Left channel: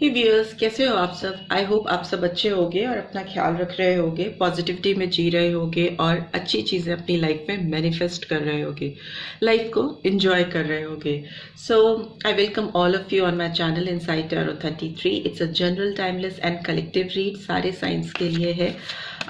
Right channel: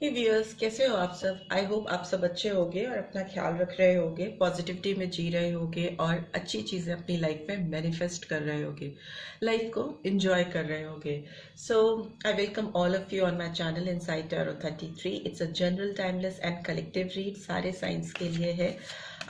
ही viewers, कैसे हो आप सब? आई होप आप सब अच्छे होगे और अपना ख्याल रख रहे होगे, पॉजिटिविटी में जी रहे होगे और अच्छी चीज़ें अपनी लाइफ में मैनिफेस्ट कर रहे होगे, लाइफ को एंजॉय कर रहे होगे। So I welcome all of you on my channel inside tarot 33। It's a general, timeless and collective read, सारे साइंस के लिए है।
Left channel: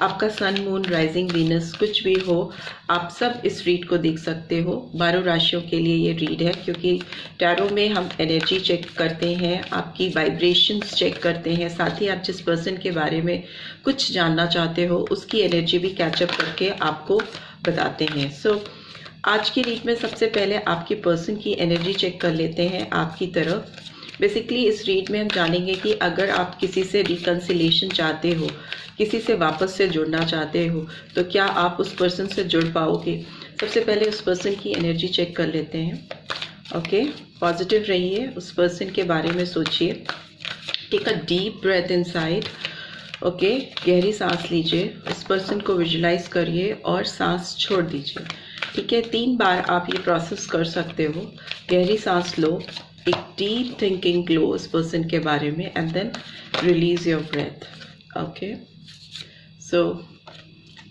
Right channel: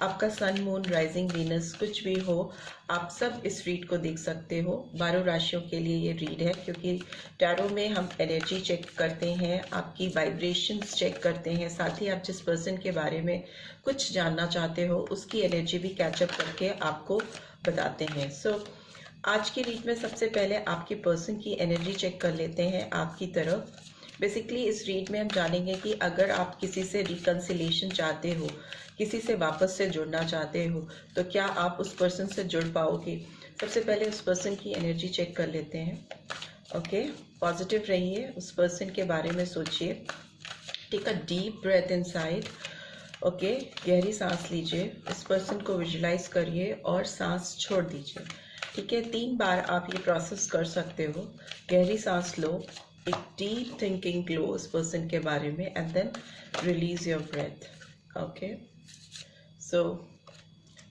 आपका सन, मून, राइजिंग, वीनस कुछ भी हो, आप सब इस रीड को देख सकते हो। 12 राशियों के लिए ये रीड है, क्योंकि टैरो में हम एनर्जी चेक करते हैं, आपकी वाइब्रेशंस चेक करते हैं, साथ ही आप जिस पर्सन के बारे में कुछ जानना चाहते हो उसकी एनर्जी भी कैचअप करके आपको बताते हैं। सो आज की रीड में सबसे पहले आपके पर्सन की एनर्जी चेक कर लेते हैं आपकी तरफ। बेसिकली इस रीड में हम जानेंगे कि अगर आप किसी से रिकन्सिलेशन चाहते हो, किसी से वापस से जुड़ना चाहते हो, तो क्या आप उस पर्सन से जुड़ पाओगे। सबसे पहले उस पर्सन की एनर्जी चेक कर लेते हैं। ओके, पॉजिटिव रहिए, उस पर्सन के बारे में सोचिए। Take a deep breath inside. Okay, गहरी सांस लीजिए, उस पर्सन को विजुलाइज करिए और सांस छोड़ दीजिए। ठीक है, 3 बार आप ये प्रोसेस कर सकते हो। गहरी सांस लो, एक डीप थिंकिंग लो उस पर्सन के बारे में, and then release your breath. Okay, so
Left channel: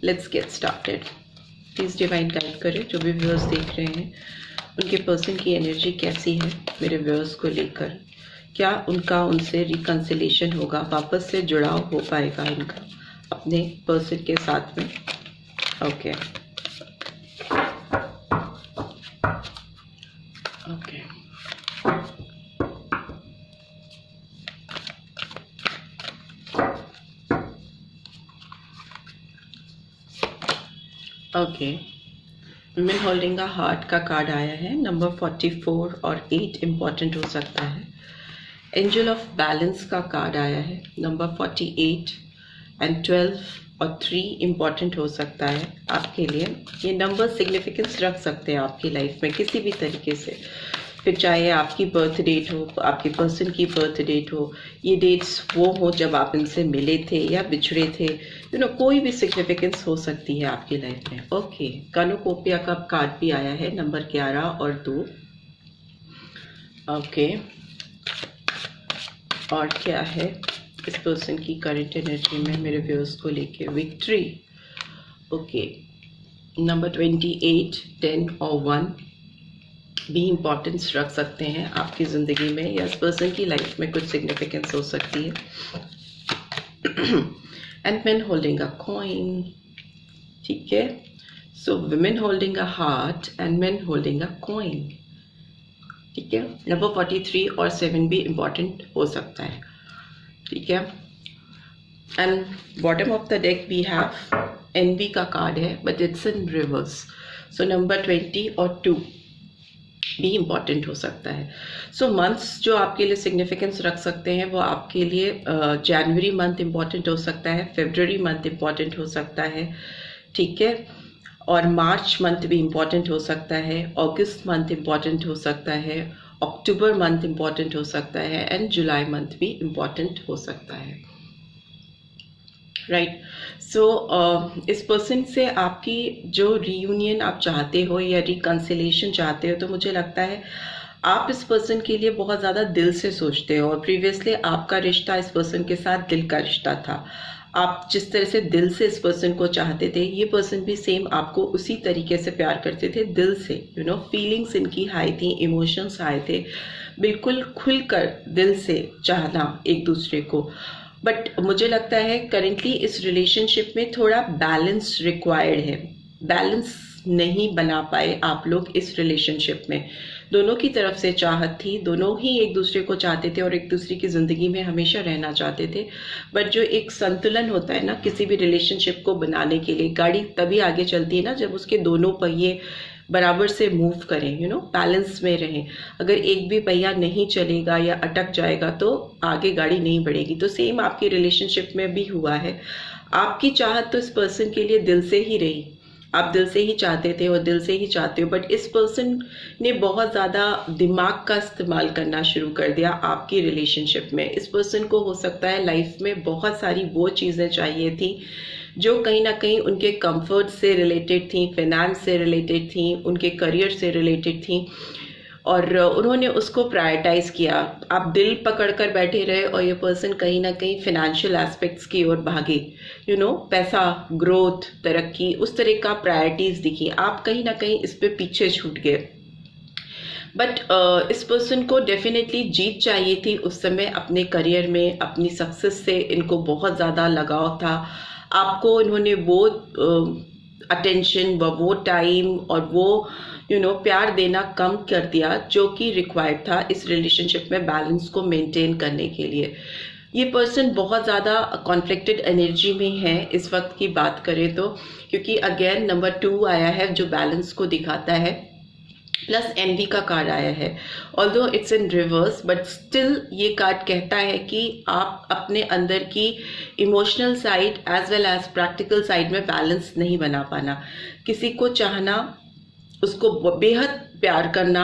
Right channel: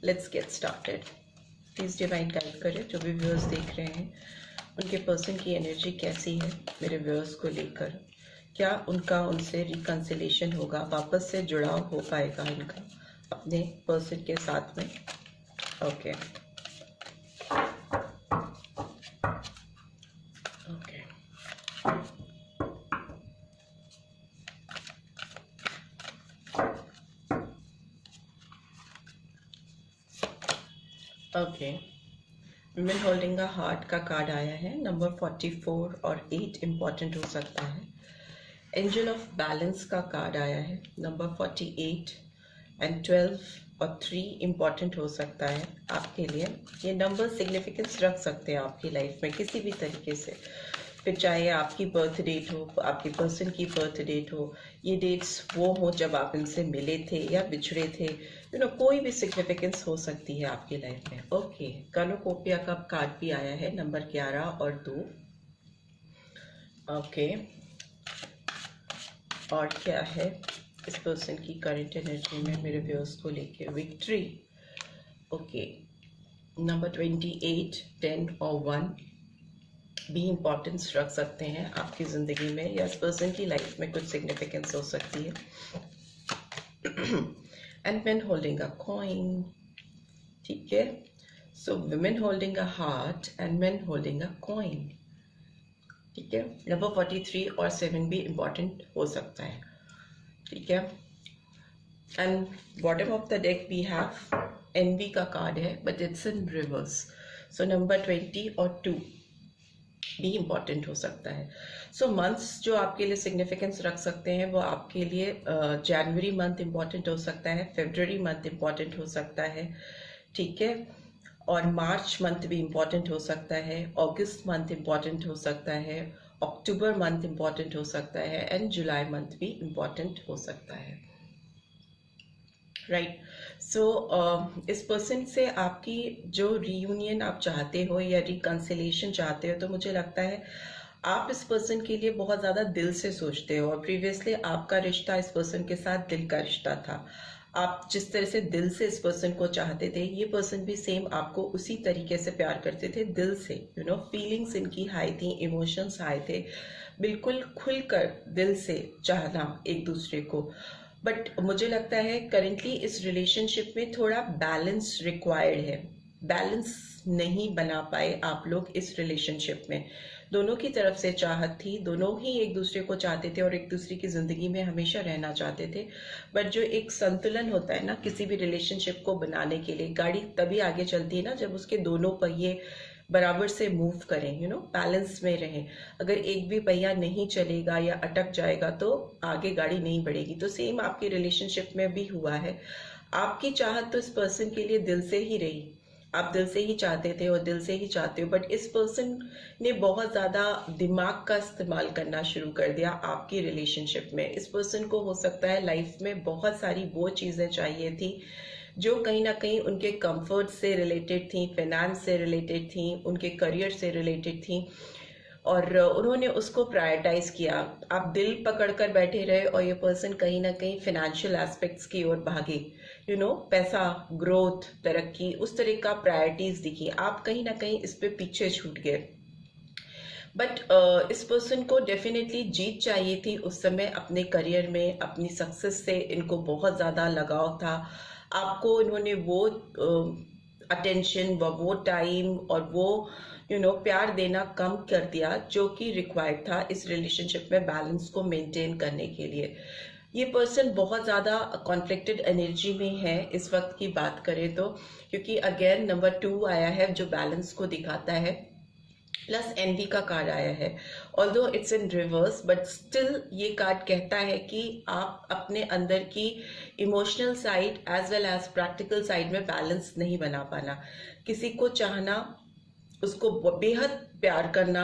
let's get started. Please divine guide करें जो भी व्यूअर्स देख रहे हैं, उनके पर्सन की एनर्जी कैसी है मेरे व्यूअर्स को लेकर। क्या उनका उनसे रिकन्सिलेशन होगा, वापस से जुड़ाव हो पाएगा इनका अपने पर्सन के साथ में। Okay okay okay, women holding a heart का कार्ड आया है। नंबर 44 और 8 इम्पॉर्टेंट हो सकता है। एंजल ऑफ बैलेंस का कार्ड आया है। नंबर 48 एंड 12 और 3 इम्पॉर्टेंट हो सकता है आपके लिए। ये नंबर सिग्निफिकेंस रख सकते हैं आपकी लाइफ में किसी भी तरीके से, फिर चाहे आपकी बर्थ डेट हो, आपके पर्सन की बर्थ डेट हो, ये डेट्स वो हो जब आप इनसे मिले थे या बिछड़े थे, कोई भी सिग्निफिकेंस हो सकती है आपकी लाइफ में। ओके, कानोकोपिया का कार्ड भी आया है। नंबर 11 और 2। ओके, और क्या है इस पर्सन की करंट एनर्जी में मेरे व्यूअर्स को लेके? विक्ट्री। ओके, नंबर 28, 10 और 1 भी इम्पोर्टेंस रख सकते हैं आपकी ज़िंदगी में, या इस पर्सन की लाइफ में कुछ सिग्निफिकेंस हो सकती है। And man holding a coin. ठीक है, सो women holding a heart and man holding a coin. ठीक है, नंबर 43 और 7 भी इम्पॉर्टेंट हो सकता है। ठीक है, and bottom of the deck we have एनवी का कार्ड है, but it's in reverse. So number 20 और 2 भी इम्पॉर्टेंट हो सकता है। सो मंथ्स जो आपके लिए सिग्निफिकेंस रख सकते हैं वो आपके लिए जनवरी मंथ इम्पॉर्टेंट हो सकता है, फरवरी मंथ इम्पॉर्टेंट हो सकता है। ठीक है, और मार्च मंथ भी इम्पॉर्टेंट हो सकता है, अगस्त मंथ इम्पॉर्टेंट हो सकता है, अक्टूबर मंथ इम्पॉर्टेंट हो सकता है, एंड जुलाई मंथ भी इम्पॉर्टेंट हो सकता है। राइट, सो इस पर्सन से आपकी जो रीयूनियन आप चाहते हो या रिकन्सिलेशन चाहते हो, तो मुझे लगता है आप इस पर्सन के लिए बहुत ज़्यादा दिल से सोचते हो, और प्रीवियसली आपका रिश्ता इस पर्सन के साथ दिल का रिश्ता था। आप जिस तरह से दिल से इस पर्सन को चाहते थे, ये पर्सन भी सेम आपको उसी तरीके से प्यार करते थे, दिल से। फीलिंग्स इनकी हाई थी, इमोशंस हाई थे, बिल्कुल खुलकर दिल से चाहना एक दूसरे को। बट मुझे लगता है करेंटली इस रिलेशनशिप में थोड़ा बैलेंस रिक्वायर्ड है। बैलेंस नहीं बना पाए आप लोग इस रिलेशनशिप में। दोनों की तरफ से चाहत थी, दोनों ही एक दूसरे को चाहते थे और एक दूसरे की ज़िंदगी में हमेशा रहना चाहते थे। बट जो एक संतुलन होता है ना किसी भी रिलेशनशिप को बनाने के लिए, गाड़ी तभी आगे चलती है ना जब उसके दोनों पहिए बराबर से मूव करें, बैलेंस में रहें। अगर एक भी पहिया नहीं चलेगा या अटक जाएगा तो आगे गाड़ी नहीं बढ़ेगी। तो सेम आपकी रिलेशनशिप में भी हुआ है। आपकी चाहत तो इस पर्सन के लिए दिल से ही रही, आप दिल से ही चाहते थे और दिल से ही चाहते हो, बट इस पर्सन ने बहुत ज़्यादा दिमाग का इस्तेमाल करना शुरू कर दिया आपकी रिलेशनशिप में। इस पर्सन को हो सकता है लाइफ में बहुत सारी वो चीज़ें चाहिए थी जो कहीं ना कहीं उनके कंफर्ट से रिलेटेड थी, फाइनेंस से रिलेटेड थी, उनके करियर से रिलेटेड थी, और उन्होंने उसको प्रायोरिटाइज किया। आप दिल पकड़ कर बैठे रहे और ये पर्सन कहीं ना कहीं फिनेंशियल एस्पेक्ट्स की ओर भागे, पैसा, ग्रोथ, तरक्की, उस तरह का प्रायोरिटीज दिखी। आप कहीं ना कहीं इस पे पीछे छूट गए। बट इस पर्सन को डेफिनेटली जीत चाहिए थी उस समय अपने करियर में, अपनी सक्सेस से इनको बहुत ज़्यादा लगाव था। आपको इन्होंने वो अटेंशन, वो टाइम और वो प्यार देना कम कर दिया जो कि रिक्वायर्ड था इस रिलेशनशिप में बैलेंस को मेंटेन करने के लिए। ये पर्सन बहुत ज़्यादा कॉन्फ्लिक्टेड एनर्जी में है इस वक्त की बात करें तो, क्योंकि अगेन नंबर 2 आया है जो बैलेंस को दिखाता है, प्लस एनवी का कार्ड आया है। Although it's in reverse but still ये कार्ड कहता है कि आप अपने अंदर की emotional side as well as practical side में बैलेंस नहीं बना पाना। किसी को चाहना, उसको बेहद प्यार करना,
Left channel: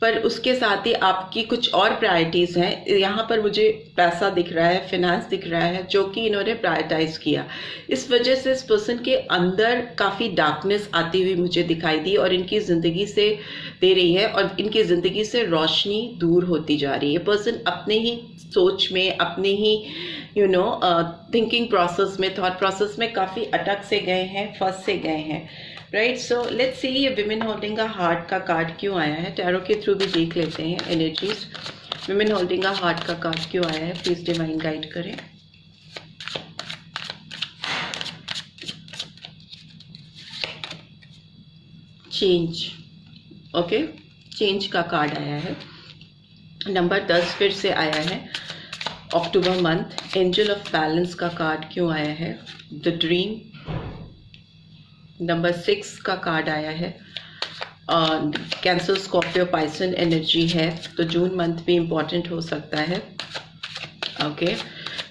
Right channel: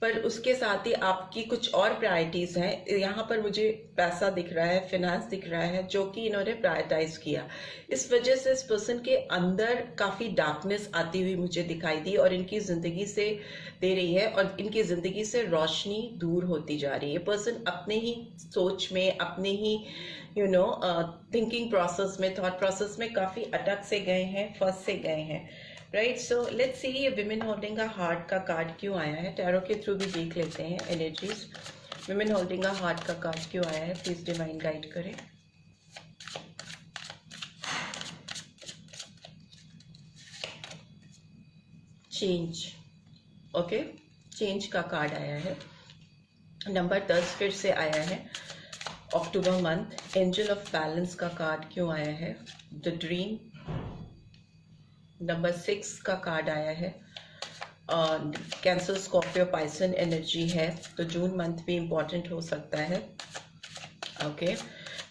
पर उसके साथ ही आपकी कुछ और प्रायोरिटीज़ हैं। यहाँ पर मुझे पैसा दिख रहा है, फिनेंस दिख रहा है, जो कि इन्होंने प्रायोरिटाइज किया। इस वजह से इस पर्सन के अंदर काफ़ी डार्कनेस आती हुई मुझे दिखाई दी और इनकी ज़िंदगी से दे रही है और इनकी ज़िंदगी से रोशनी दूर होती जा रही है। पर्सन अपने ही सोच में, अपने ही थिंकिंग प्रोसेस में, थॉट प्रोसेस में काफ़ी अटक से गए हैं, फंस से गए हैं। राइट, सो लेट्स सी ये विमेन होल्डिंग अ हार्ट का कार्ड क्यों आया है। टैरो के थ्रू भी देख लेते हैं energies. Women holding a heart का कार्ड क्यों आया है, प्लीज डिवाइन गाइड करें। चेंज, ओके, चेंज का कार्ड आया है। नंबर 10 फिर से आया है, अक्टूबर मंथ। एंजल ऑफ बैलेंस का कार्ड क्यों आया है, द ड्रीम। नंबर 6 का कार्ड आया है, कैंसर, स्कॉर्पियो, पाइसन एनर्जी है, तो जून मंथ भी इम्पॉर्टेंट हो सकता है। ओके,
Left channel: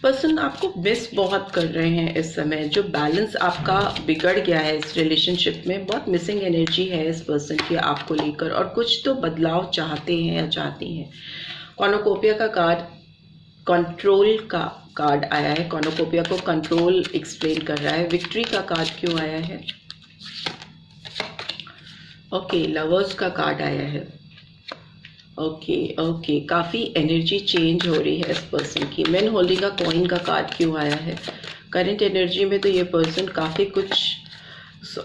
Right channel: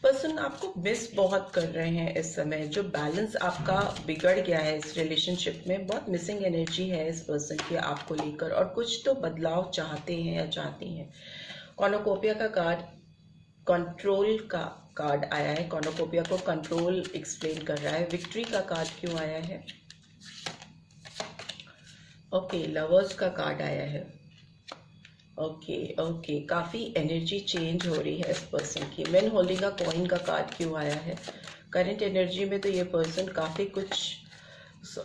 पर्सन आपको मिस बहुत कर रहे हैं इस समय। जो बैलेंस आपका बिगड़ गया है इस रिलेशनशिप में, बहुत मिसिंग एनर्जी है इस पर्सन की आपको लेकर, और कुछ तो बदलाव चाहते हैं या चाहती हैं। कॉर्नुकोपिया का कार्ड कंट्रोल का कार्ड आया है, कॉर्नुकोपिया को कंट्रोल एक्सप्लेन कर रहा है। विक्ट्री का कार्ड क्यों आया है, ओके, लवर्स का कार्ड आया है। ओके, काफ़ी एनर्जी चेंज हो रही है इस पर्सन की। मैन होल्डिंग अ कॉइन का कार्ड क्यों आया है। करंट एनर्जी में तो ये पर्सन काफ़ी कुछ,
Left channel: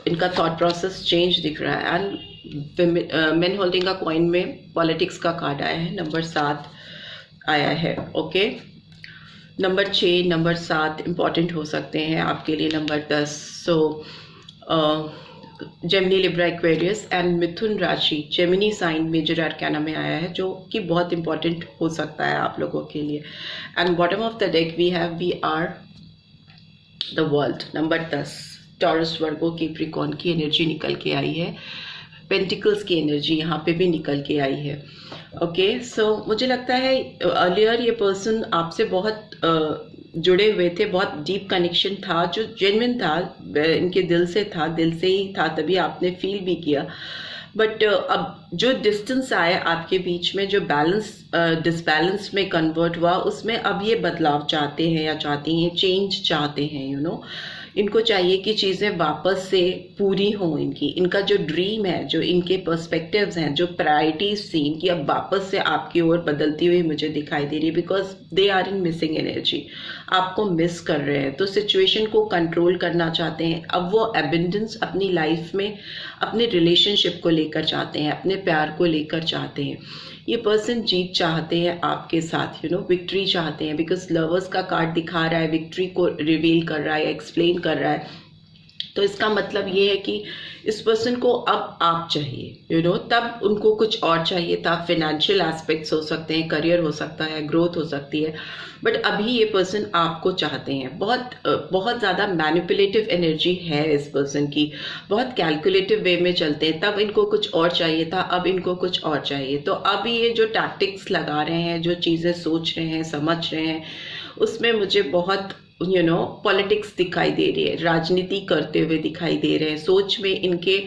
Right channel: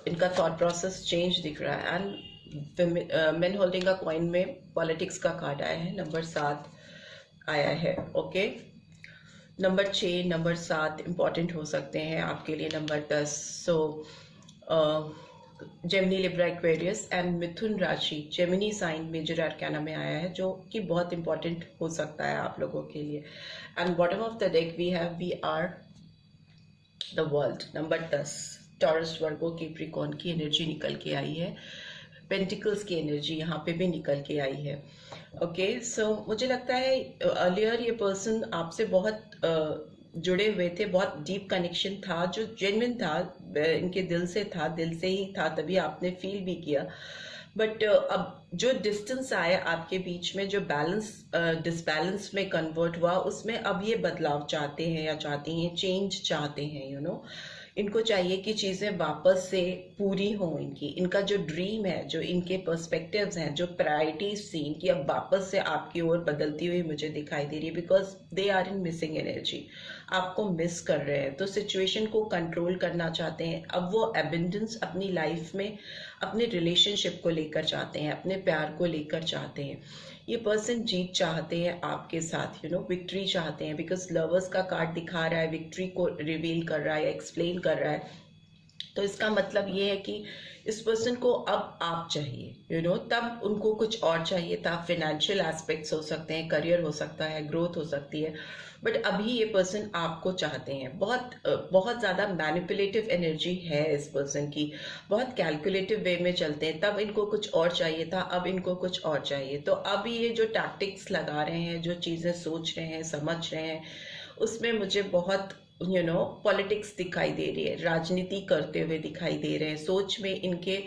इनका थॉट प्रोसेस चेंज दिख रहा है। And man holding a coin में पॉलिटिक्स का कार्ड आया है, नंबर 7 आया है। ओके, नंबर 6, नंबर 7 इम्पॉर्टेंट हो सकते हैं आपके लिए। Number 10, so Gemini, Libra, Aquarius and मिथुन राशि जेमिनी साइन मेजर आर्काना में आया है, जो कि बहुत इंपॉर्टेंट हो सकता है आप लोगों के लिए। And bottom of the deck we are the world, number 10, Taurus, Virgo, Capricorn की एनर्जी निकल के आई है। पेंटिकल्स की एनर्जी यहाँ पे भी निकल के आई है। ओके, सो मुझे लगता है अर्लियर ये पर्सन आपसे बहुत जुड़े हुए थे, बहुत डीप कनेक्शन था जो जेन्युइन था, इनके दिल से था, दिल से ही था, तभी आपने फील भी किया। बट अब जो डिस्टेंस आया आपके बीच में, जो बैलेंस डिसबैलेंस में कन्वर्ट हुआ, उसमें अब ये बदलाव चाहते हैं या चाहती हैं, चेंज चाहते हैं। इनको चाहिए कि चीज़ें वापस से पूरी हों। इनका जो ड्रीम है, जो इनके पर्सपेक्टिव्स हैं, जो प्रायोरिटीज थी इनकी, अब वापस से आपकी ओर बदलती हुई मुझे दिखाई दे रही है, because they are in missing energy. आपको मिस कर रहे हैं, तो सिचुएशन को कंट्रोल करना चाहते हैं। अब वो एबंडेंस अपनी लाइफ में, अपने रिलेशनशिप को लेकर चाहते हैं, अपने प्यार को लेकर चाहते हैं। ये पर्सन जीत चाहते हैं आपके साथ, विक्ट्री चाहते हैं, बिकॉज लवर्स का कार्ड दिखा रहा है, विक्ट्री को रिवील कर रहा है, एक्सप्लेन कर रहा है। तो इसका मतलब ये है कि इस पर्सन को अब आप चाहिए, तब उनको कुछ और चाहिए था। फाइनेंशियल एस्पेक्ट्स हो सकते हैं, करियर हो सकता है, ग्रोथ हो सकती है, बट अभी ये पर्सन आपको चाहते हैं। बहुत ज़्यादा मैनिपुलेटिव एनर्जी है इस पर्सन की, बहुत कैलकुलेटिव वे में चलते हैं। तब इनको कुछ और चाहिए था, अब इनको कुछ और चाहिए। तो अब ये जो टैक्टिक्स लगा रहे हैं, जो चीज़ें सोच रहे हैं, समझ रहे हैं, उसमें मुझे बहुत पॉलिटिक्स दिखाई दे रही है, राजनीति करते हुए दिखाई दे रहे हैं। सोच में इनके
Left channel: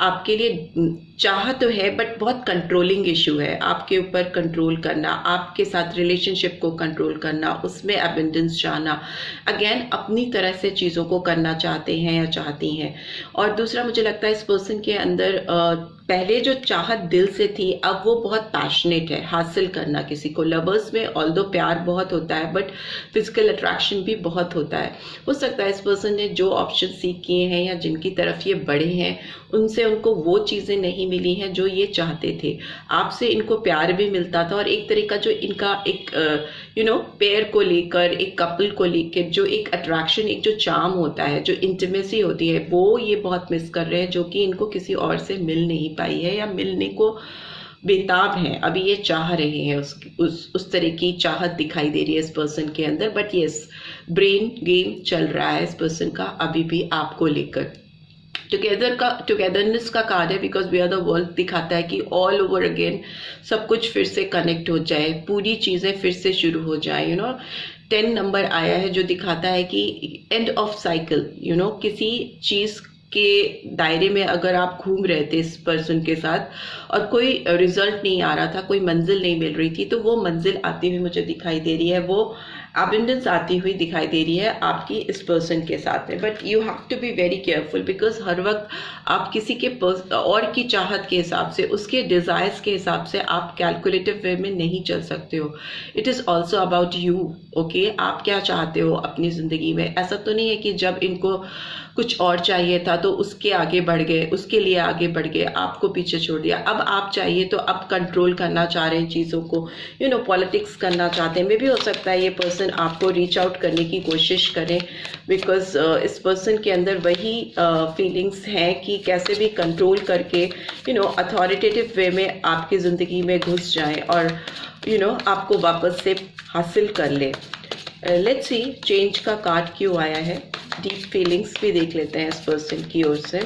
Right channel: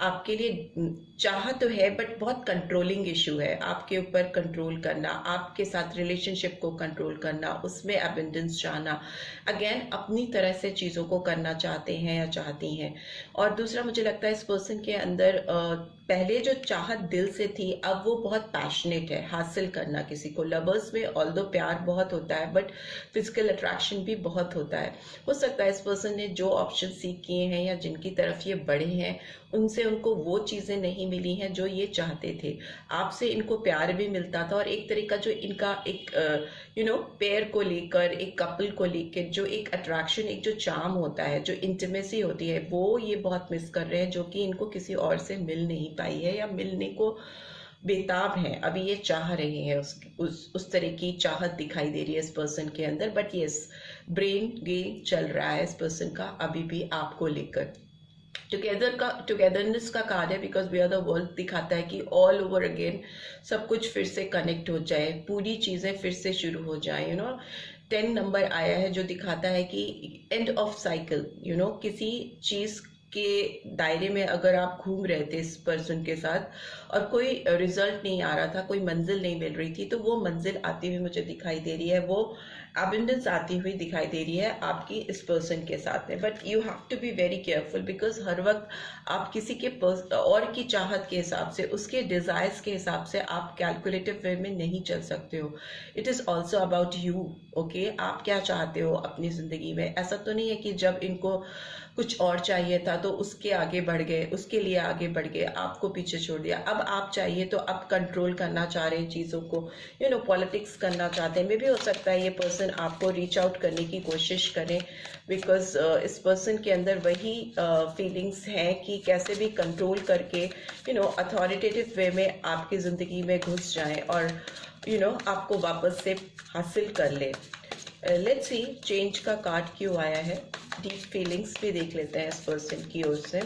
आपके लिए चाह तो है बट बहुत कंट्रोलिंग इशू है, आपके ऊपर कंट्रोल करना, आपके साथ रिलेशनशिप को कंट्रोल करना, उसमें अबेंडेंस चाहना, अगेन अपनी तरह से चीज़ों को करना चाहते हैं या चाहती हैं। और दूसरा मुझे लगता है इस पर्सन के अंदर पहले जो चाहत दिल से थी अब वो बहुत पैशनेट है हासिल करना किसी को। लवर्स में ऑल्दो प्यार बहुत होता है बट फिजिकल अट्रैक्शन भी बहुत होता है। हो सकता है इस पर्सन ने जो ऑप्शन सीख किए हैं या जिनकी तरफ ये बढ़े हैं उनसे उनको वो चीज़ें नहीं मिली हैं जो ये चाहते थे। आपसे इनको प्यार भी मिलता था और एक तरह का जो इनका एक पेयर को लेकर, एक कपल को लेकर जो एक अट्रैक्शन, एक जो चार्म होता है, जो इंटीमेसी होती है, वो ये बहुत मिस कर रहे हैं, जो कि इनको किसी और से मिल नहीं पाई है या मिलने को बेताब हैं। अभी ये चाह रहे हैं, उस तरह की चाहत दिखाई दे रही है इस पर्सन के अंदर। बट यस, ब्रेन गेम चल रहा है इस पर्सन का अभी भी आपको लेकर। टुगेदरनेस का कार्ड है because we are the world दिखाता है कि ऑल ओवर अगेन सब कुछ फिर से कनेक्ट हो जाए, पूरी चीज़ें फिर से शुरू हो जाए। 10 नंबर आया है जो दिखाता है कि एंड ऑफ साइकिल, किसी चीज़ के दायरे में अगर आप घूम रहे थे इस पर्सन के साथ और कोई रिजल्ट नहीं आ रहा था, कोई मंजिल नहीं मिल रही थी, तो वो मंजिल आती हुई मुझे दिखाई दे रही है, वो अबंडेंस आती हुई दिखाई दे रही है आपकी इस पर्सन के साथ में। But you have to be very careful because हर वक्त आप किसी के और की चाहत के हिसाब से, उसके डिजायर्स के हिसाब से आप कैलकुलेटिव वे में नहीं चल सकते हो। It is also about you, okay. आप क्या चाहते हो अपनी ज़िंदगी में। ऐसा तो नहीं है कि जब इनको कुछ और चाहिए था तो उसके आगे बढ़ गए, उसके लिए आगे बढ़ गए, आपको पीछे छोड़ दिया। अब आप चाहिए तो अब कंट्रोल करना चाह रहे हैं चीज़ों को, पॉलिटिक्स करना चाहते हैं। मे भी हो सकता है ये पर्सन आपको रीच आउट करने की कोशिश करें बिकॉज इस पर्सन के अंदर वही फीलिंग्स हैं कि कैसे भी कंट्रोल करके अथॉरिटेटिव वे में आपकी ज़िंदगी में घुस जाएं और आपको वापस से हासिल कर ले। लेट्स सी चेंज का कार्ड क्यों आया है। डीप फीलिंग्स भी देख लेते हैं इस पर्सन की ओर से।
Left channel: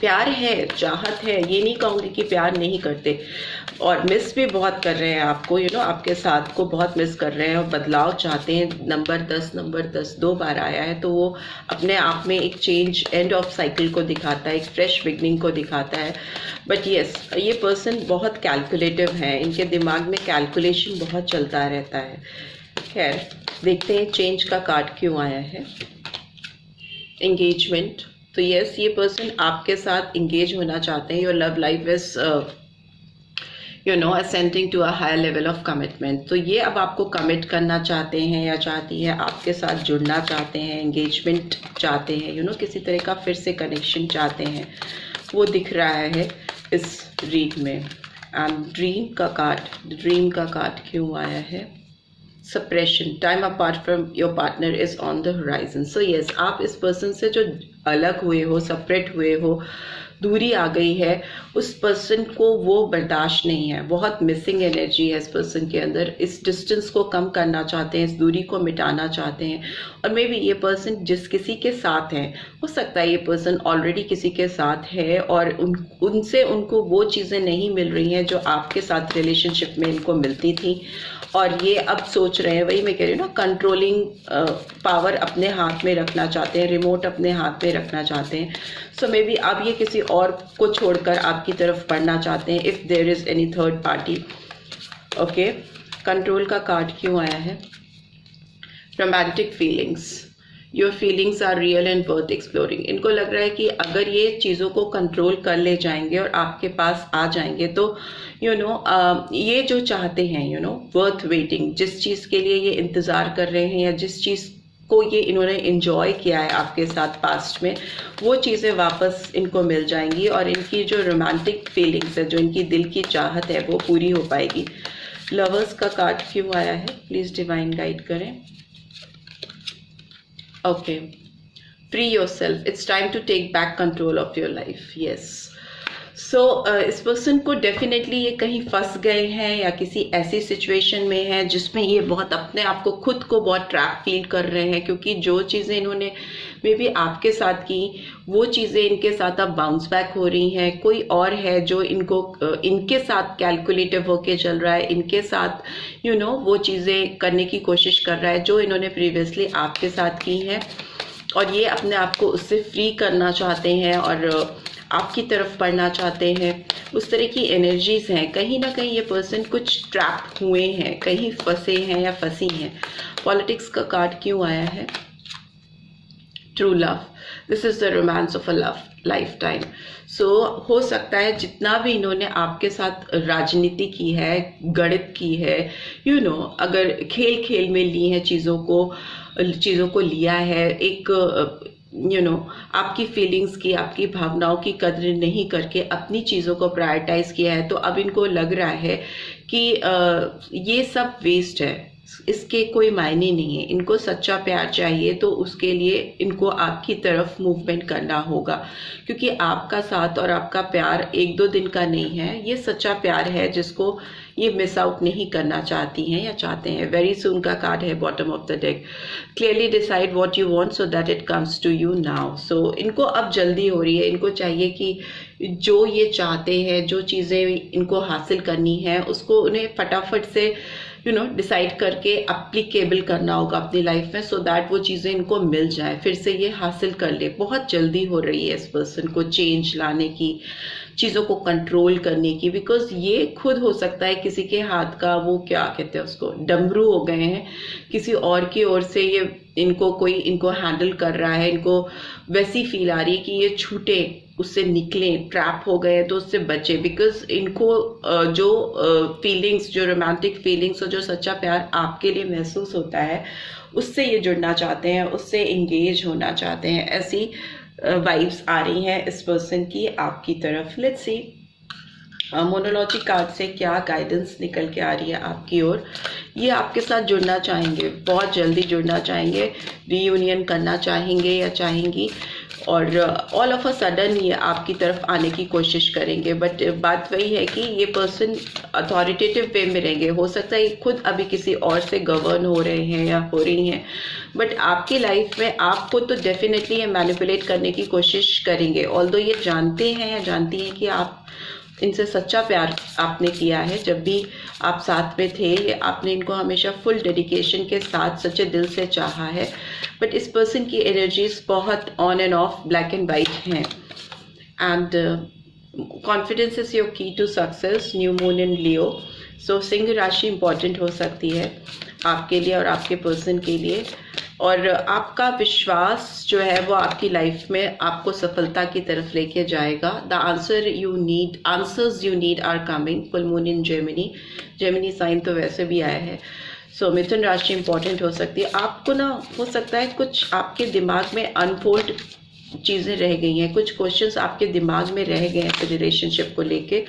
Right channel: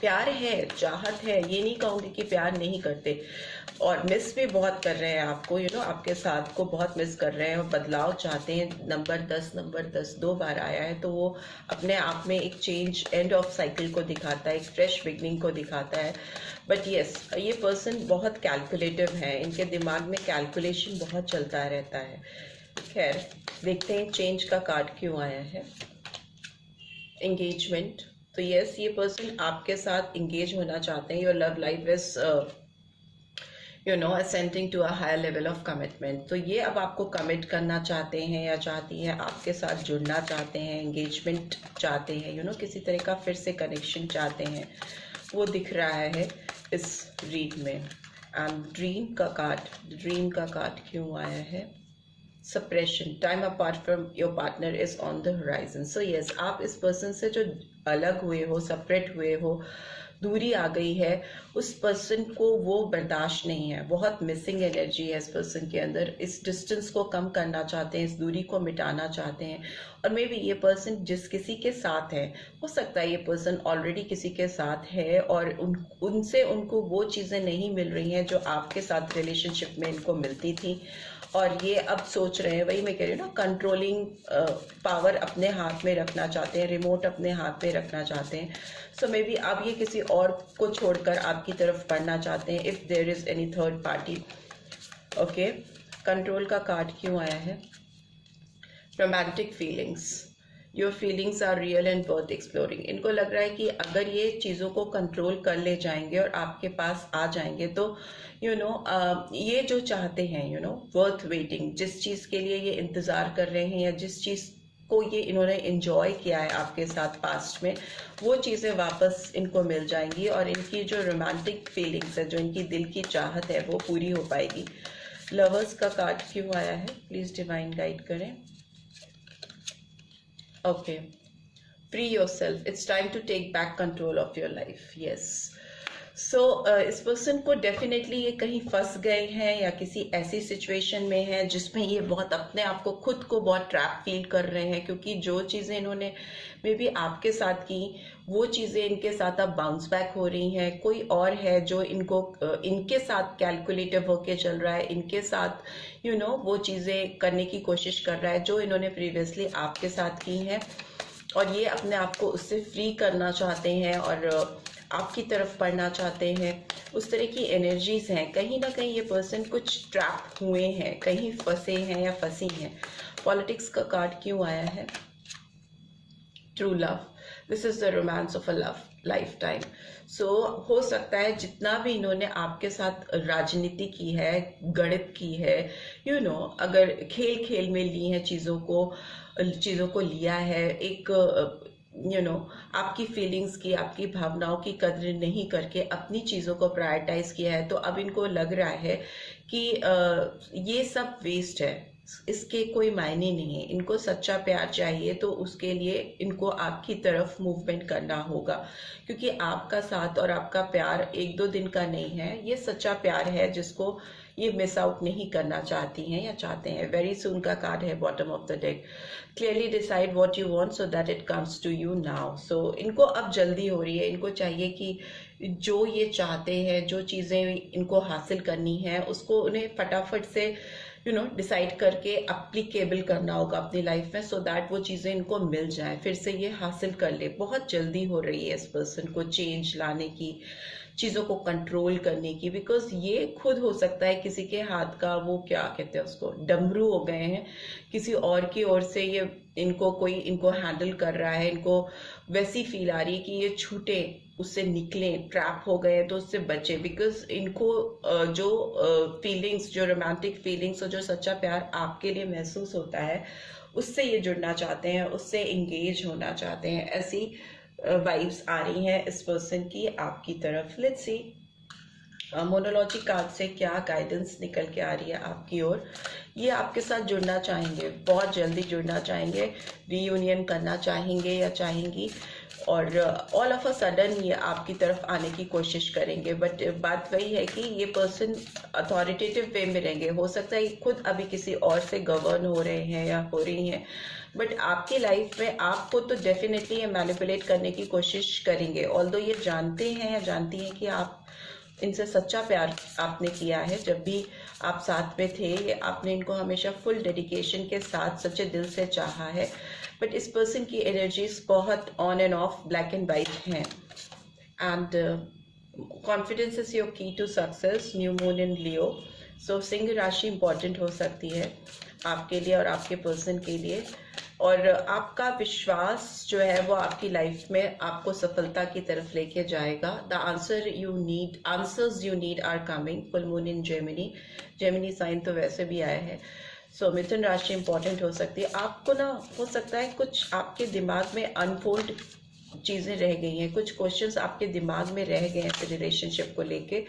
प्यार है, चाहत है, ये नहीं कहूँगी कि प्यार नहीं करते, और मिस भी बहुत कर रहे हैं आपको, आपके साथ को बहुत मिस कर रहे हैं और बदलाव चाहते हैं। नंबर 10 2 बार आया है तो वो अपने आप में एक चेंज, एंड ऑफ साइकिल को दिखाता है, एक फ्रेश बिगनिंग को दिखाता है। बट यस, ये पर्सन बहुत कैलकुलेटिव है, इनके दिमाग में कैलकुलेशन बहुत चलता रहता है। खैर, देखते हैं चेंज का कार्ड क्यों आया है। एंगेजमेंट, तो यस, ये पर्सन आपके साथ इंगेज होना चाहते हैं। Your love life is ascending to a higher level of commitment. तो ये अब आपको कमिट करना चाहते हैं या चाहती है, आपके साथ जुड़ना चाहते हैं, एंगेजमेंट चाहते हैं, किसी तरह का फिर से कनेक्शन चाहते हैं, वो दिख रहा है इस रीड में। एंड ड्रीम का कार्ड क्यों आया है। Suppression, time apart from your partner is on the horizon. So yes, आप इस पर्सन से जो अलग हुए हो, सेपरेट हुए हो, दूरी आ गई है, उस पर्सन को वो बर्दाश्त नहीं है। बहुत मिसिंग एनर्जी है इस पर्सन के अंदर। इस डिस्टेंस को कम करना चाहते हैं, इस दूरी को मिटाना चाहते हैं। और मे बी ये पर्सन जिस किसी के साथ है, हो सकता है ये पर्सन ऑलरेडी किसी के साथ है और उनसे उनको वो चीज़ें नहीं मिल रही हैं जो आपके साथ रिलेशनशिप में इनको मिलती थी। और ये अब सोच रहे हैं, वही मैं कह रही हूँ ना, कंट्रोलिंग पावर अपने हाथ में रखना चाहते हैं, रिमोट अपने हाथ में रखना चाहते हैं। सो मे बी अब ये किसी और को छोड़कर आपकी तरफ बढ़ना चाहते हैं, if there is any third party. Okay, control का कार्ड क्यों आया है। Romantic feelings, your feelings are real and worth exploring. इनको लग रहा है कि अगर ये चीज़ों को कंट्रोल कर ले जाएंगे और आपके पास आ जाएंगे तो ये जो चाहते हैं, वर्थ वेटिंग, जिस चीज़ के लिए ये इंतज़ार कर रहे हैं या जिस चीज़ को ये इन्होंने एंजॉय किया है आपके साथ पास्ट में, वो चीज़ें वापस इनको मिल जाएंगी और इनकी जो रोमांटिक फीलिंग्स है, जो इनकी दिल की चाहत है, वो पूरी हो पाएगी। लवर्स का कार्ड क्यों आया है, प्लीज़ डिवाइन गाइड करें। Okay, free yourself, it's time to take back control of your life. Yes, so इस पर्सन को डेफिनेटली ये कहीं फंस गए हैं या किसी ऐसी सिचुएशन में है जिसमें ये बहुत अपने आप को, खुद को बहुत ट्रैप फील कर रहे हैं, क्योंकि जो चीज़ें इन्होंने मे बी आपके साथ की, वो चीज़ें इनके साथ अब बाउंस बैक हो रही हैं। कोई और है जो इनको इनके साथ कैलकुलेटिव होके चल रहा है, इनके साथ वो चीज़ें करने की कोशिश कर रहा है जो इन्होंने प्रीवियसली आपके साथ की हैं, और ये अपने आप को उससे फ्री करना चाहते हैं और आपकी तरफ पढ़ना चाहते हैं, उस तरह की एनर्जीज हैं। कहीं ना कहीं ये पर्सन कुछ ट्रैप हुए हैं, कहीं फंसे हैं या फंसी हैं। पॉलिटिक्स का कार्ड क्यों आया है? True love, this is the romance of a love lifetime. So हो सकता है जितना भी इन्होंने आपके साथ राजनीति की है, गणित की है, अगर खेल खेल में ली है चीज़ों को लिया है, एक आपकी फीलिंग्स की, आपकी भावनाओं की कद्र नहीं करके अपनी चीज़ों को प्रायोरिटाइज किया है, तो अब इनको लग रहा है कि ये सब वेस्ट है, इसके कोई मायने नहीं है। इनको सच्चा प्यार चाहिए, तो उसके लिए इनको आपकी तरफ मूवमेंट करना होगा, क्योंकि आपका साथ और आपका प्यार एक दो दिन का नहीं है। ये सच्चा प्यार है जिसको ये मिस आउट नहीं करना चाहती हैं या चाहते हैं। वेरी सून का कार्ड है bottom of the deck. Clearly decide what you want so that it comes to you now. So इनको अब जल्दी हो रही है, इनको चाहिए कि जो ये चाहते हैं, जो चीज़ें इनको हासिल करनी है, उसको उन्हें फटाफट से डिसाइड करके एप्लीकेबल करना होगा अपनी लाइफ में, सो दैट वो चीज़ें इनको मिल जाए, फिर से ये हासिल कर ले। बहुत जल्दी हो रही है इस पर्सन को चेंज लाने की, चीज़ों को कंट्रोल करने की, बिकॉज ये खुद हो सकता है किसी के हाथ का, वो क्या कहते हैं उसको, डमरू हो गए हैं, किसी और की ओर से ये इनको हैंडल कर रहा है। इनको वैसी फील आ रही है कि ये छूटे, उससे निकलें, ट्रैप हो गए तो उससे बचे, बिकॉज इनको जो फीलिंग्स, जो रोमांटिक फीलिंग्स और जो सच्चा प्यार आपके लिए महसूस होता है, उससे ये जुड़ना चाहते हैं, उससे इंगेज होना चाहते हैं। ऐसी वाइब्स आ रही हैं इस पर्सन की आपकी तरफ। लेट्स सी मोनोलॉजी कार्ड से क्या गाइडेंस निकल के आ रही है आपकी ओर। ये आपके साथ जुड़ना चाहेंगे, बहुत जल्दी जुड़ना चाहेंगे, रीयूनियन करना चाहेंगे या चाहेंगी, और ऑल ऑफ अ सडन ये आपकी तरफ आने की कोशिश करेंगे। बट बात वही है कि ये पर्सन अथॉरिटेटिव वे में रहेंगे। हो सकता है खुद अभी किसी और से गवर्न हो रहे हैं या हो रही हैं, बट आपकी लाइफ में आपको तो डेफिनेटली ये मैनिपुलेट करने की कोशिश करेंगे। ऑल्दो ये जानते हैं या जानती हैं कि आप इनसे सच्चा प्यार आपने किया है, जब भी आप साथ में थे, ये आपने इनको हमेशा फुल डेडिकेशन के साथ सच्चे दिल से चाहा है। बट इस पर्सन की एनर्जीज बहुत on and off, black and white हैं। And confidence is your key to success. New moon in Leo. So सिंह राशि इंपॉर्टेंट हो सकती है आपके लिए और आपके पर्सन के लिए, और आपका विश्वास जो है वो आपकी लाइफ में आपको सफलता की तरफ लेके जाएगा। The answers you need are coming. Full moon in Gemini sign तो वैसे भी आया है। सो मिथुन राशि इंपॉर्टेंट हो सकती है। आपको ना हो सकता है कुछ आपके दिमाग में अनफोल्ड चीज़ें रह गई हैं, कुछ क्वेश्चंस आपके दिमाग में रह गए हैं रिलेशनशिप को लेके,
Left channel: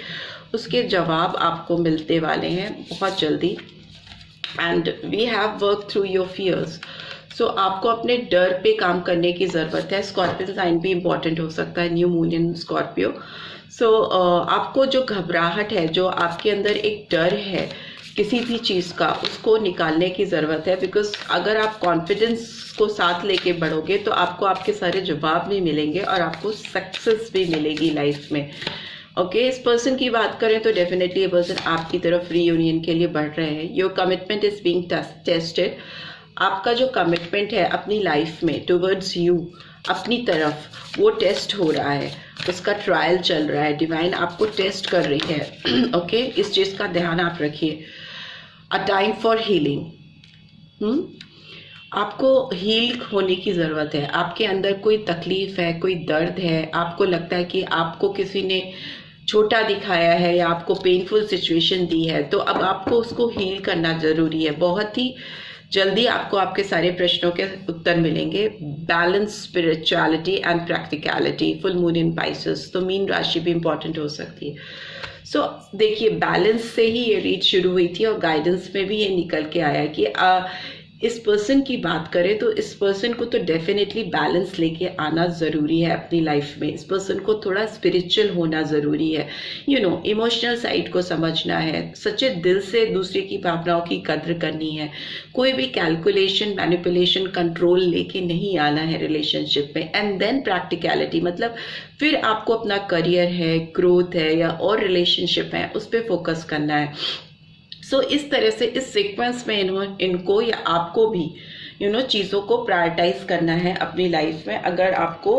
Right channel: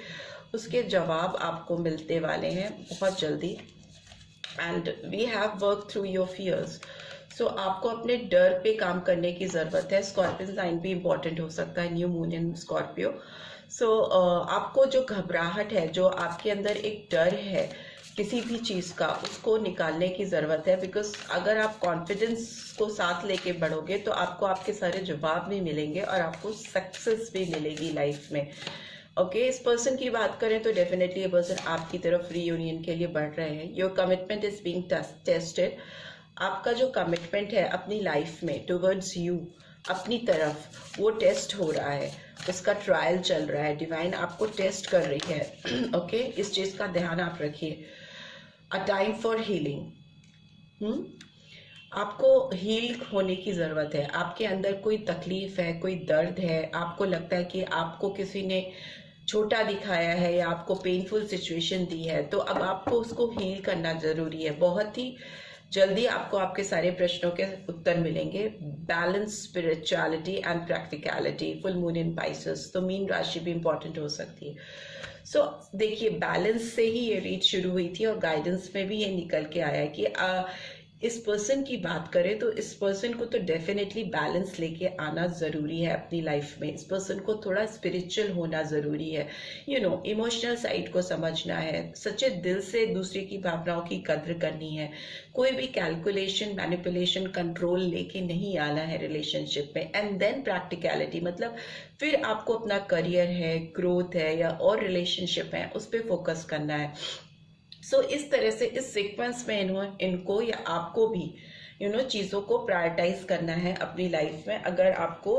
उसके जवाब आपको मिलते वाले हैं बहुत जल्दी। And we have work through your fears. So आपको अपने डर पे काम करने की ज़रूरत है। स्कॉर्पियो साइन भी इम्पॉर्टेंट हो सकता है, न्यू मून इन स्कॉर्पियो। सो आपको जो घबराहट है, जो आपके अंदर एक डर है किसी भी चीज़ का, उसको निकालने की ज़रूरत है। बिकॉज अगर आप कॉन्फिडेंस को साथ लेके बढ़ोगे तो आपको आपके सारे जवाब भी मिलेंगे और आपको सक्सेस भी मिलेगी लाइफ में। ओके, इस पर्सन की बात करें तो डेफिनेटली ये पर्सन आपकी तरफ रीयूनियन के लिए बढ़ रहे हैं। Your commitment is being tested. आपका जो कमिटमेंट है अपनी लाइफ में टुवर्ड्स यू, अपनी तरफ, वो टेस्ट हो रहा है, उसका ट्रायल चल रहा है। डिवाइन आपको टेस्ट कर रही है। ओके, इस चीज़ का ध्यान आप रखिए। A time for healing. आपको हील होने की ज़रूरत है। आपके अंदर कोई तकलीफ है, कोई दर्द है, आपको लगता है कि आपको किसी ने छोटा दिखाया है या आपको पेनफुल सिचुएशन दी है, तो अब आपको उसको हील करना ज़रूरी है। बहुत ही जल्दी आपको आपके सारे प्रश्नों के उत्तर मिलेंगे। Balance, spirituality and practicality. Full moon in Pisces, तो मीन राशि भी इंपॉर्टेंट हो सकती है। सो देखिए, बैलेंस से ही ये रीड शुरू हुई थी और गाइडेंस में भी ये निकल के आया कि इस पर्सन की बात करें तो इस पर्सन को तो डेफिनेटली बैलेंस लेके आना ज़रूरी है अपनी लाइफ में। इस पर्सन को थोड़ा स्पिरिचुअल होना ज़रूरी है, इमोशनल साइड को समझना है, सच्चे दिल से दूसरे की भावनाओं की कद्र करनी है। कोई भी कैलकुलेशन, मैनिपुलेशन, कंट्रोल लेके नहीं आना है रिलेशनशिप में। एंड देन प्रैक्टिकलिटी, मतलब फिर आपको अपना करियर है, ग्रोथ है या और रिलेशनशिप है, उस पर फोकस करना है। सो इस तरह से इस सीक्वेंस में इनको या आपको भी चीज़ों को प्रायोरिटाइज करना है अपनी लाइफ में। अगर आपको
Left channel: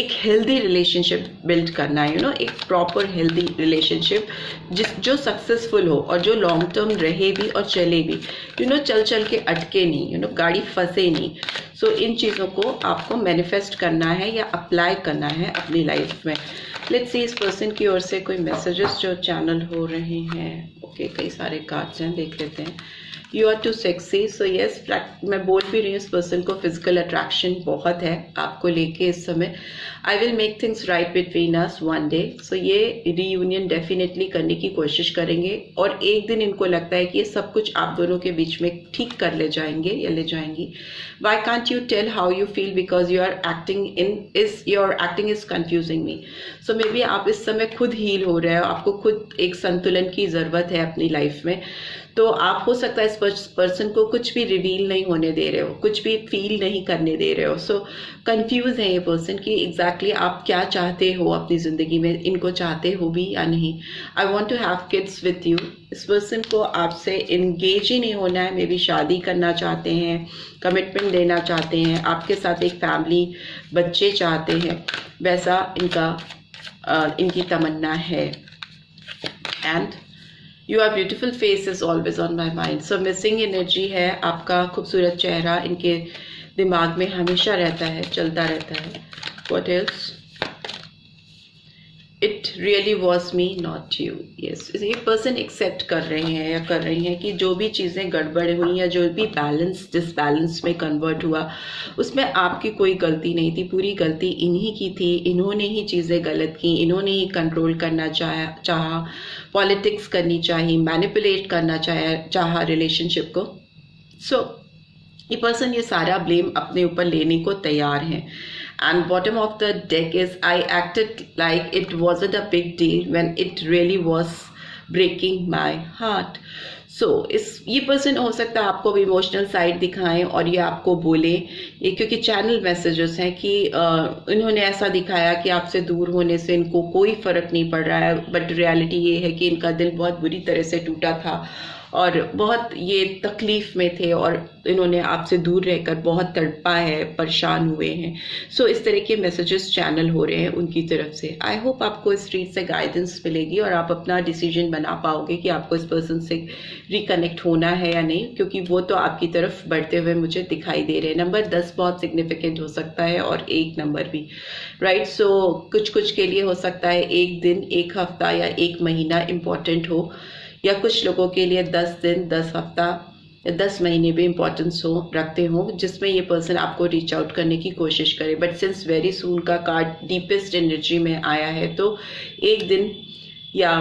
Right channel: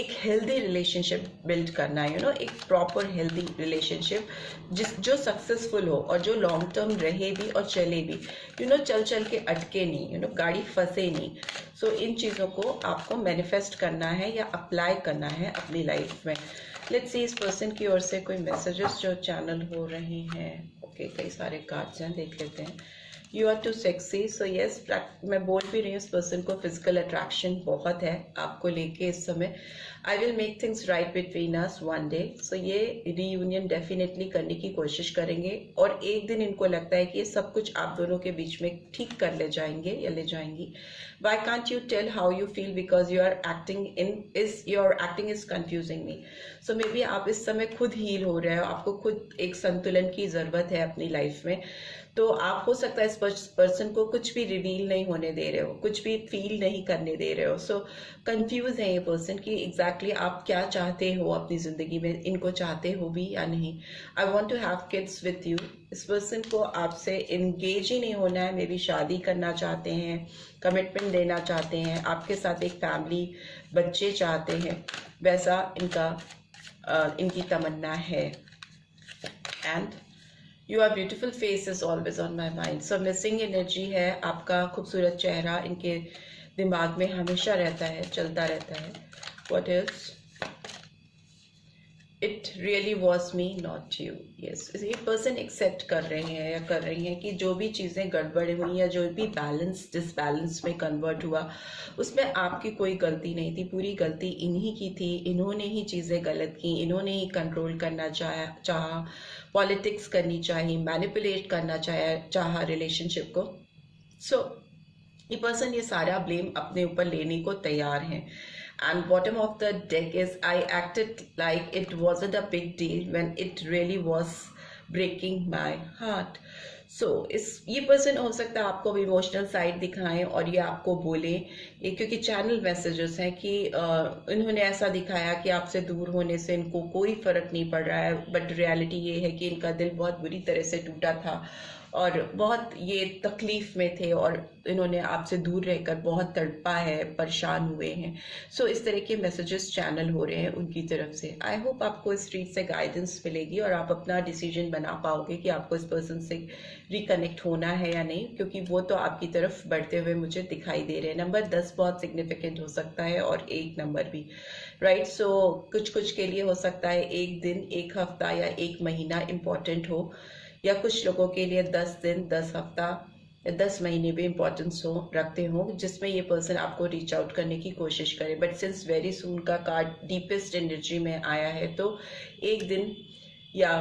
एक हेल्दी रिलेशनशिप बिल्ड करना है, एक प्रॉपर हेल्दी रिलेशनशिप जो सक्सेसफुल हो और जो लॉन्ग टर्म रहे भी और चले भी, चल चल के अटके नहीं, गाड़ी फंसे नहीं। सो इन चीज़ों को आपको मैनिफेस्ट करना है या अप्लाई करना है अपनी लाइफ में। लेट्स सी इस पर्सन की ओर से कोई मैसेजेस जो चैनल हो रहे हैं। ओके, कई सारे कार्ड्स हैं, देख लेते हैं। You are too sexy, so yes, मैं बोल भी रही हूँ इस पर्सन को फिजिकल अट्रैक्शन बहुत है आपको लेके इस समय। I will make things right between us one day, so ये रीयूनियन डेफिनेटली करने की कोशिश करेंगे और एक दिन इनको लगता है कि ये सब कुछ आप दोनों के बीच में ठीक कर ले जाएंगे या ले जाएंगी। Why can't you tell how you feel because your acting is confusing me. So maybe आप इस समय खुद हील हो रहे हो, आपको खुद एक संतुलन की ज़रूरत है अपनी लाइफ में। तो आप हो सकता है इस पर्सन को कुछ भी रिवील नहीं होने दे रहे हो, कुछ भी फील नहीं करने दे रहे हो। सो कंफ्यूज है ये पर्सन कि एग्जैक्टली आप क्या चाहते हो अपनी ज़िंदगी में, इनको चाहते हो भी या नहीं। I want to have kids with you. इस पर्सन को आपसे इंगेज ही नहीं होना है, मे बी शादी करना चाहते हैं, कमिटमेंट देना चाहते हैं, आपके साथ एक फैमिली, बच्चे चाहते हैं, वैसा इनकी तमन्ना है। And your beautiful face is always on my mind. So missing energy है, आपका खूबसूरत चेहरा इनके दिमाग में हमेशा रहता है, चलता रहता है। What else? It really was me not you. Yes, ये पर्सन एक्सेप्ट कर रहे हैं या कर रही हैं कि जो भी चीज़ें गड़बड़ हुई या जो भी डिसबैलेंस में कन्वर्ट हुआ उसमें आपकी कोई गलती नहीं थी, पूरी गलती इन्हीं की थी। इन्होंने ही चीज़ें गलत की, इन्होंने ही कंट्रोल करना चाहा, पॉलिटिक्स करनी चाहिए, मैनिपुलेट करना चाहा रिलेशनशिप को। सो ये पर्सन ये सारा ब्लेम अपने ऊपर लेने को तैयार हैं। And bottom of the deck is I acted like it wasn't a big deal when it really was breaking my heart. So ये पर्सन हो सकता है आपको भी इमोशनल साइड दिखाएं और ये आपको बोले, ये क्योंकि चैनल मैसेजेस हैं कि इन्होंने ऐसा दिखाया कि आपसे दूर होने से इनको कोई फर्क नहीं पड़ रहा है, बट रियलिटी ये है कि इनका दिल बहुत बुरी तरह से टूटा था और बहुत ये तकलीफ़ में थे और इन्होंने आपसे दूर रहकर बहुत तड़पा है, परेशान हुए हैं। सो इस तरह के मैसेजेस चैनल हो रहे हैं उनकी तरफ से। आई होप आपको इस रीड से गाइडेंस मिलेगी और आप अपना डिसीजन बना पाओगे कि आपको इस पर्सन से रिकनेक्ट होना है या नहीं, क्योंकि वो तो आपकी तरफ बढ़ते हुए मुझे दिखाई दे रहे हैं। नंबर 10 बहुत सिग्निफिकेंट हो सकता है और 1 नंबर भी, राइट। सो कुछ के लिए हो सकता है 1 दिन, 1 हफ्ता या 1 महीना इम्पॉर्टेंट हो, या कुछ लोगों के लिए 10 दिन, 10 हफ्ता या 10 महीने भी इम्पोर्टेंस रखते हो, जिसमें ये पर्सन आपको रीच आउट करने की कोशिश करे। बट सिंस वेरी सून का कार्ड डीपेस्ट एनर्जी में आया है, तो 1 दिन या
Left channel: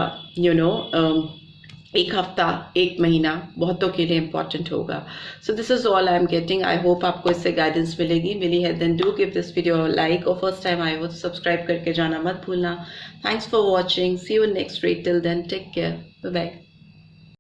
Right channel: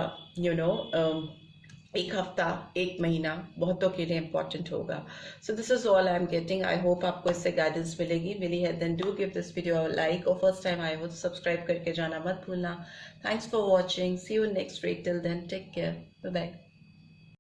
1 हफ्ता, 1 महीना बहुतों के लिए इम्पॉर्टेंट होगा। So this is all I am getting. I hope आपको इससे गाइडेंस मिली है। Then do give this video like और फर्स्ट टाइम आए हो तो सब्सक्राइब करके जाना मत भूलना। Thanks for watching, see you next read, till then take care, bye bye.